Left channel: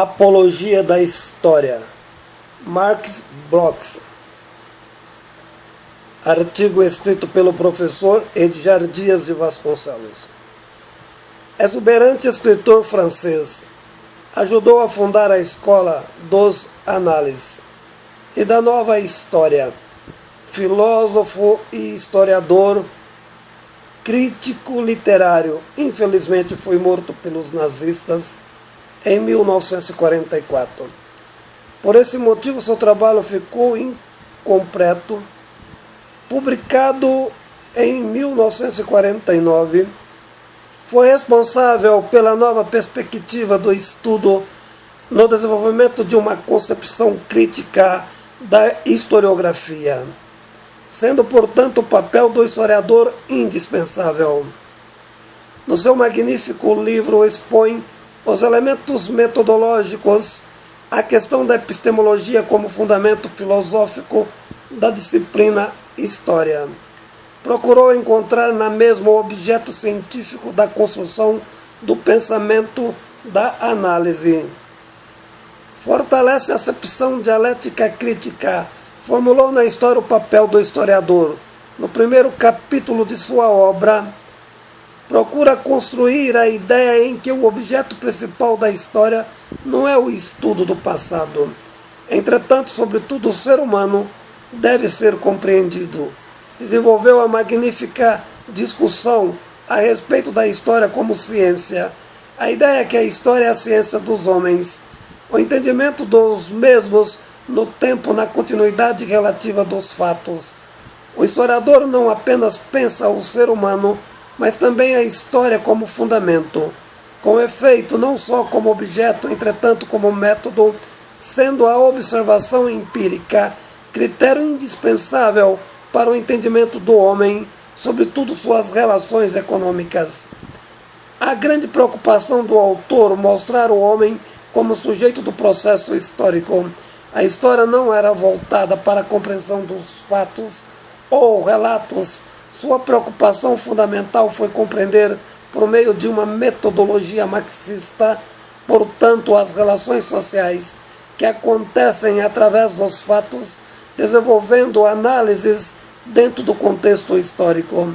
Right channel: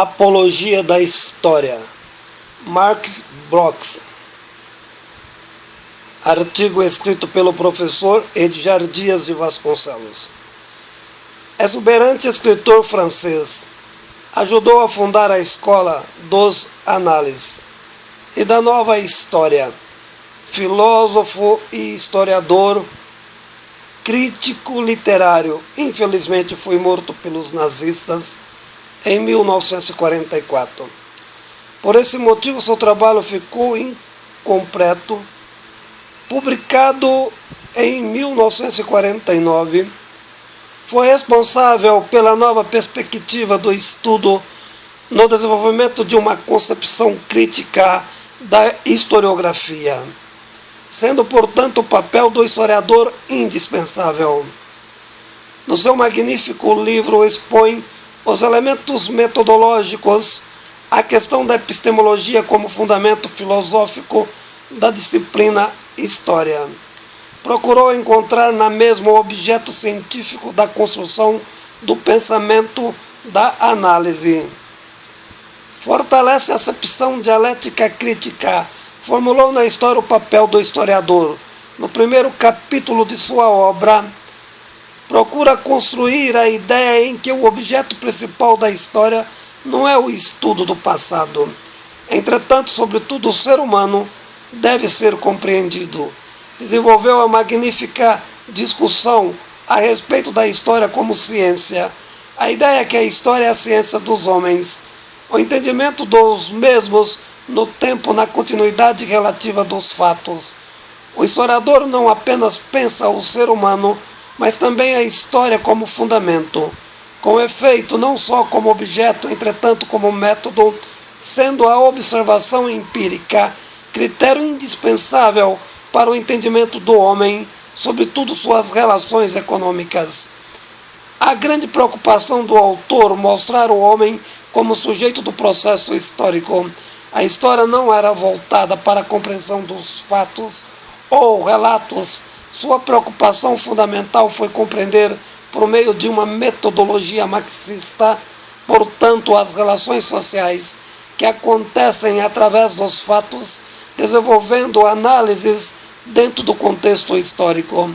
Apologia da História, Marx Bloch. Artigo escrito pelo professor Edgar Dias de Vasconcelos. Exuberante escritor francês, ajudou a fundar a escola dos análises e da nova história. Filósofo e historiador, crítico literário, infelizmente foi morto pelos nazistas em 1944. Por esse motivo, seu trabalho ficou incompleto. Publicado em 1949, foi responsável pela nova perspectiva do estudo no desenvolvimento de uma concepção crítica da historiografia, sendo, portanto, o papel do historiador indispensável. No seu magnífico livro expõe os elementos metodológicos, a questão da epistemologia como fundamento filosófico da disciplina História. Procurou encontrar na mesma o objeto científico da construção do pensamento da análise. Fortalece a acepção dialética crítica. Formulou na história o papel do historiador. No primeiro capítulo de sua obra, procura construir a ideia em que o objeto principal da história não é o estudo do passado. Entretanto, sobretudo, o ser humano deve ser compreendido. Desenvolveu a magnífica discussão a respeito da história como ciência. A ideia é que a história é a ciência dos homens. O entendimento dos mesmos no tempo, na continuidade relativa dos fatos. O historiador não apenas pensa o ser humano, mas também a história como fundamento, com efeito não só como objeto, entretanto como método, sendo a observação empírica critério indispensável para o entendimento do homem, sobretudo suas relações econômicas. A grande preocupação do autor mostrar o homem como sujeito do processo histórico. A história não era voltada para a compreensão dos fatos ou relatos. Sua preocupação fundamental foi compreender, por meio de uma metodologia marxista, portanto, as relações sociais que acontecem através dos fatos, desenvolvendo análises dentro do contexto histórico.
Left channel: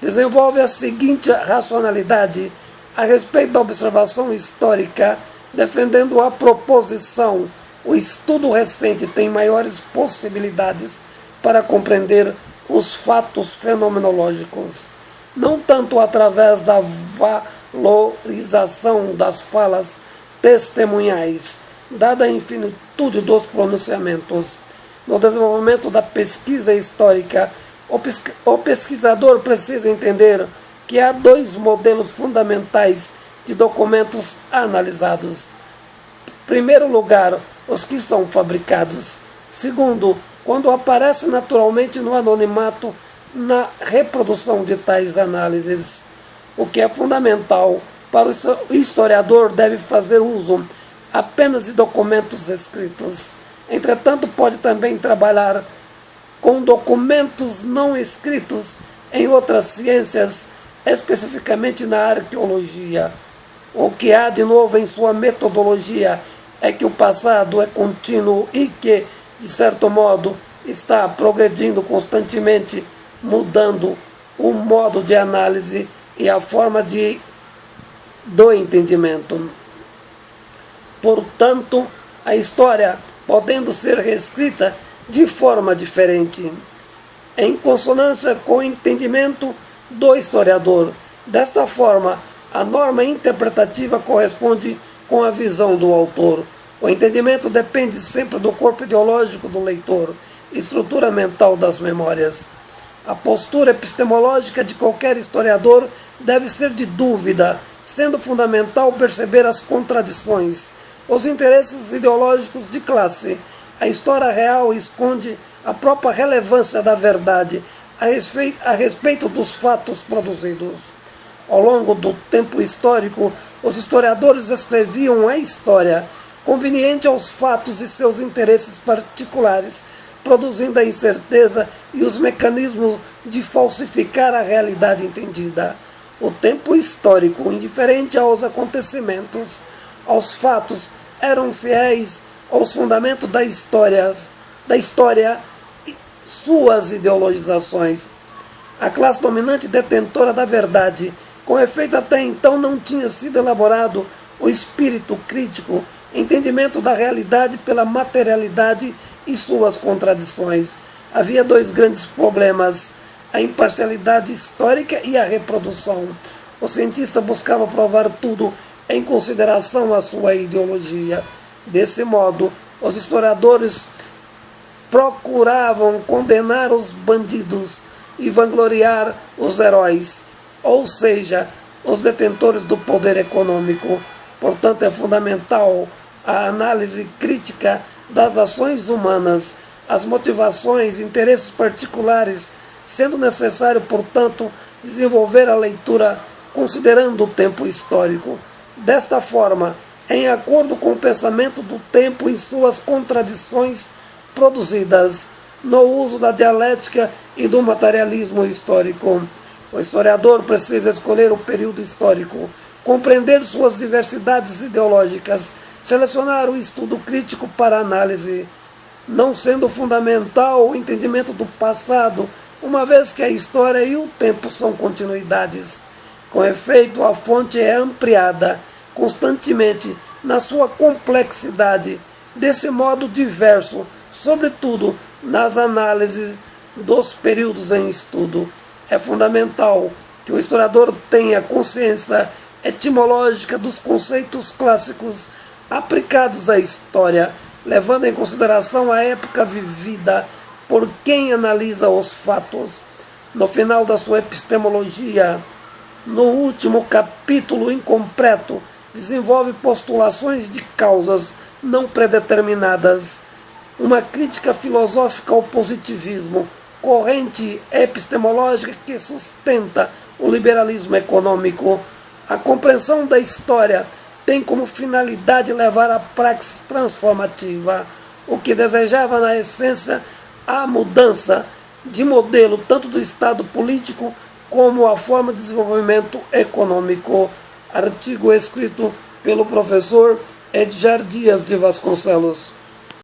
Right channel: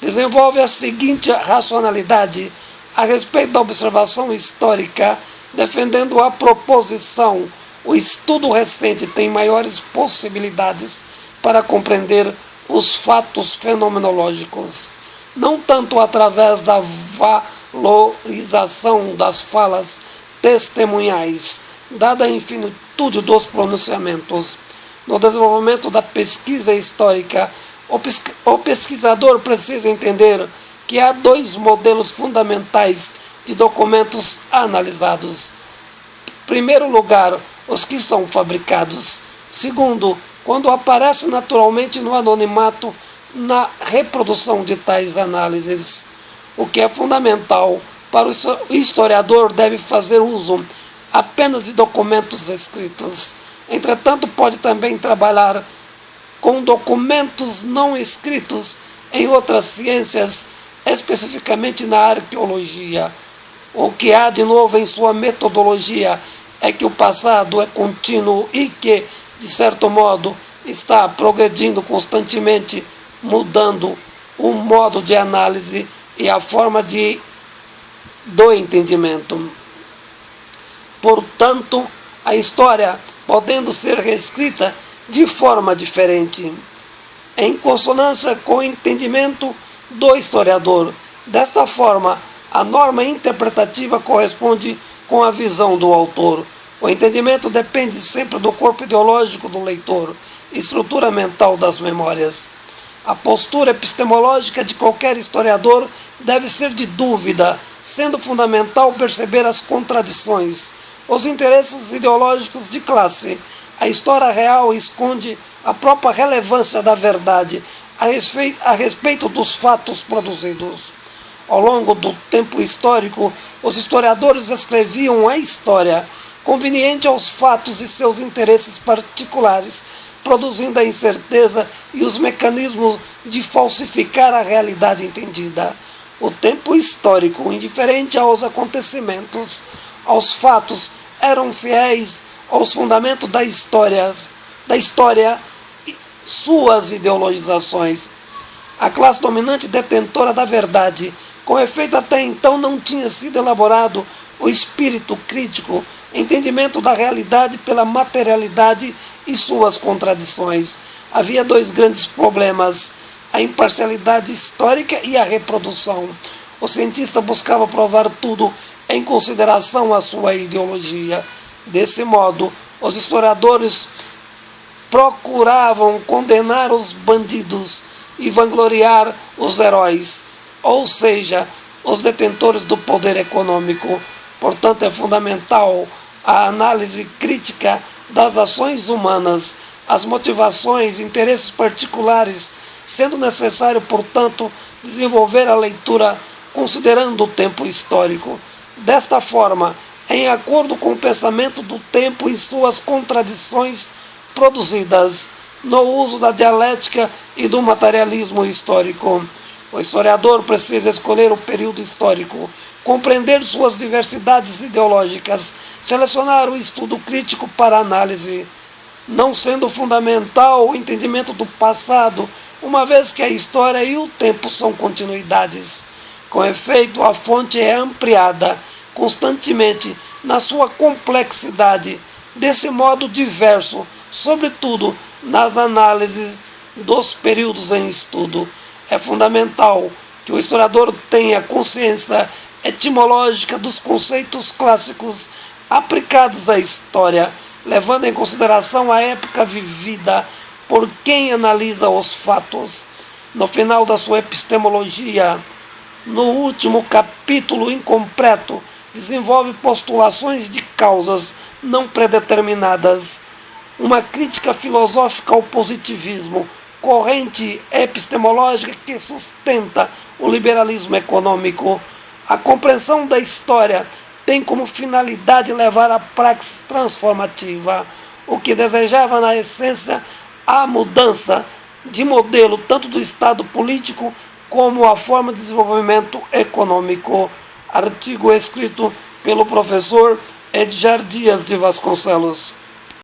Desenvolve a seguinte racionalidade a respeito da observação histórica, defendendo a proposição: o estudo recente tem maiores possibilidades para compreender os fatos fenomenológicos, não tanto através da valorização das falas testemunhais, dada a infinitude dos pronunciamentos. No desenvolvimento da pesquisa histórica, o pesquisador precisa entender que há dois modelos fundamentais de documentos analisados. Em primeiro lugar, os que são fabricados. Segundo, quando aparece naturalmente no anonimato na reprodução de tais análises. O que é fundamental para o historiador deve fazer uso apenas de documentos escritos. Entretanto, pode também trabalhar com documentos não escritos em outras ciências, especificamente na arqueologia. O que há de novo em sua metodologia é que o passado é contínuo e que, de certo modo, está progredindo constantemente, mudando o modo de análise e a forma do entendimento. Portanto, a história, podendo ser reescrita de forma diferente, em consonância com o entendimento do historiador. Desta forma, a norma interpretativa corresponde com a visão do autor. O entendimento depende sempre do corpo ideológico do leitor, estrutura mental das memórias. A postura epistemológica de qualquer historiador deve ser de dúvida, sendo fundamental perceber as contradições, os interesses ideológicos de classe. A história real esconde a própria relevância da verdade a respeito dos fatos produzidos. Ao longo do tempo histórico, os historiadores escreviam a história conveniente aos fatos e seus interesses particulares, produzindo a incerteza e os mecanismos de falsificar a realidade entendida. O tempo histórico, indiferente aos acontecimentos, aos fatos, eram fiéis aos fundamentos da história e suas ideologizações. A classe dominante detentora da verdade, com efeito até então não tinha sido elaborado o espírito crítico, entendimento da realidade pela materialidade e suas contradições. Havia dois grandes problemas: a imparcialidade histórica e a reprodução. O cientista buscava provar tudo em consideração à sua ideologia. Desse modo, os historiadores procuravam condenar os bandidos e vangloriar os heróis, ou seja, os detentores do poder econômico. Portanto, é fundamental a análise crítica das ações humanas, as motivações e interesses particulares, sendo necessário, portanto, desenvolver a leitura considerando o tempo histórico. Desta forma, em acordo com o pensamento do tempo e suas contradições produzidas no uso da dialética e do materialismo histórico. O historiador precisa escolher o período histórico, compreender suas diversidades ideológicas, selecionar o estudo crítico para análise, não sendo fundamental o entendimento do passado, uma vez que a história e o tempo são continuidades. Com efeito, a fonte é ampliada constantemente na sua complexidade, desse modo diverso, sobretudo nas análises dos períodos em estudo. É fundamental que o historiador tenha consciência etimológica dos conceitos clássicos aplicados à história, levando em consideração a época vivida por quem analisa os fatos. No final da sua epistemologia, no último capítulo incompleto, desenvolve postulações de causas não predeterminadas, uma crítica filosófica ao positivismo, corrente epistemológica que sustenta o liberalismo econômico. A compreensão da história tem como finalidade levar à praxis transformativa, o que desejava na essência a mudança de modelo tanto do Estado político como a forma de desenvolvimento econômico. Artigo escrito pelo professor Edgar Dias de Vasconcelos.